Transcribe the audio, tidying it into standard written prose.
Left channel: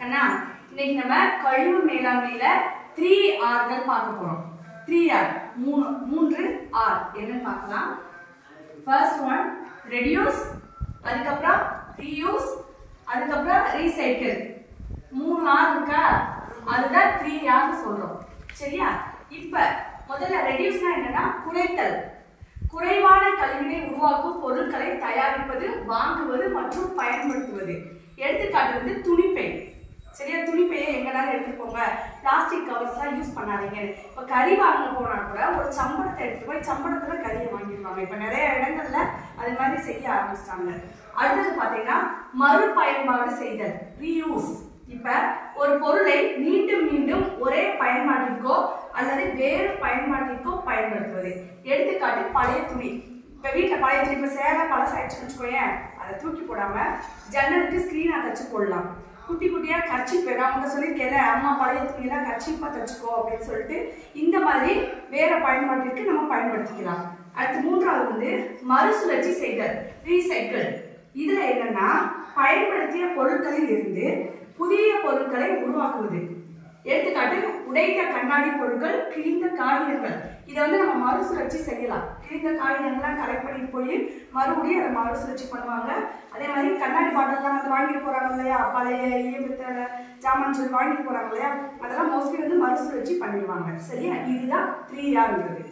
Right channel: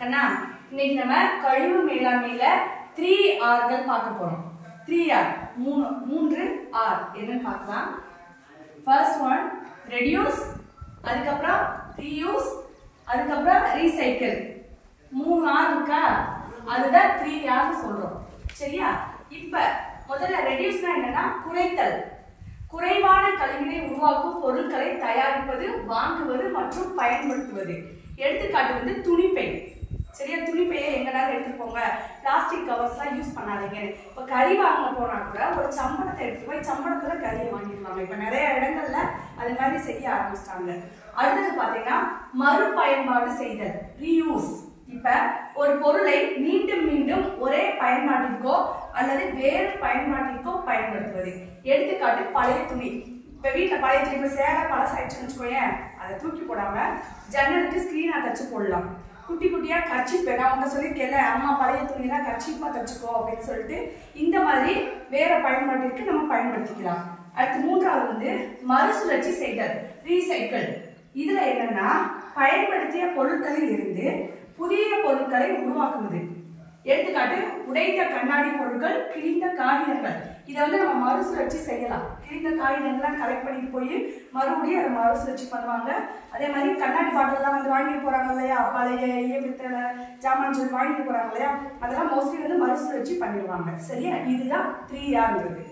கண்ணா இன்னைக்கு நம்ம கழிவு மேலாண்மையில 3Rகள் பார்க்க போறோம். 3R மூன்று R என்னன்னு பார்க்கலாம். ஃபர்ஸ்ட் ஒன் ரெடியூஸ், அதுக்கப்புறம் ரீயூஸ், அதுக்கப்புறம் ரீசைக்கிள். 3R இருக்கா, அதுதான் 3R சொல்றோம். சரியா? இப்ப முதல்ல ரெடியூஸ்னா என்னன்னா குறைத்தல். குறைவான கழிவினை உருவாக்கும் பொருட்களை தயாரிப்பது, வாங்குவது மற்றும் பயன்படுத்துவது. எடுத்துக்காட்டு வந்து துணிப்பை. சரியா? துணிப்பையை எங்கனாலும் எடுத்துட்டு போங்க, பிளாஸ்டிக் கவர்ஸ்லாம் யூஸ் பண்ணாதீங்க. இப்போ கறி வாங்க போனா கூட ஒரு சம்பளத்தை எடுத்துட்டு போய் சம்பளத்துல கறியை வாங்கிடுவாங்க. இப்போ நிறைய இடங்கள்ல அது மாதிரி செய்ய ஆரம்பிச்சிட்டாங்க. அடுத்தது பாத்தீங்கன்னா மறுபயன்பாடு செய்தல், ரீயூஸ். இப்ப ஒரு பொருளை மீண்டும் மீண்டும் ஒரே பயன்பாட்டிற்கோ அல்லது வேறு பயன்பாட்டிற்கோ பயன்படுத்துவது. எடுத்துக்காட்டு பழைய துணி. இப்ப வீட்டுல பழைய துணி, இப்ப சேலை பழசாயிடுச்சுன்னு வச்சுக்கோயேன், அதை தூக்கி போடாம ஜன்னலுக்கு ஸ்கிரீனா தச்சு போடலாம். குட்டி குட்டியா கர்ச்சீப், நான் உங்க சொல்லியிருக்கேன், அம்மா பழைய துணியெல்லாம் கர்ச்சீப்பா தச்சுக்கோ அப்படின்னு சொல்லிட்டு இந்த மாதிரி வேற பயன்பாட்டிற்கு நம்ம பயன்படுத்திக்கலாம். அடுத்து மூன்றாவது வந்து மறுசுழற்சி செய்தல், ரீசைக்கிள். இதுல என்னன்னா பயன்படுத்திய பொருட்களில் இருந்து புதிய பொருட்களை உருவாக்குவது. எடுத்துக்காட்டு உடைந்த கண்ணாடி பொருட்கள், கிழிந்த காகிதங்கள். இதை வந்து நம்ம மறுசுழற்சி செய்யலாம். கிழிந்த காகிதங்கள்லாம் கலெக்ட் பண்ணிட்டு போய் மறுபடியும் அதை மறுசுழற்சி பண்ணுவாங்க. அதே மாதிரி கண்ணாடி பாட்டிலாம் வந்து வாங்கிட்டு போறாங்க இல்லையா, பழைய ஈயமித்தல ஜாமான் சொல்லி வாங்கிட்டு போறாங்க இல்லையா, அதெல்லாம் மோஸ்ட்லி வந்து மறுசுழற்சி பண்ணிடுவாங்க. சரியா? இதுதான் 3Rங்கிறது.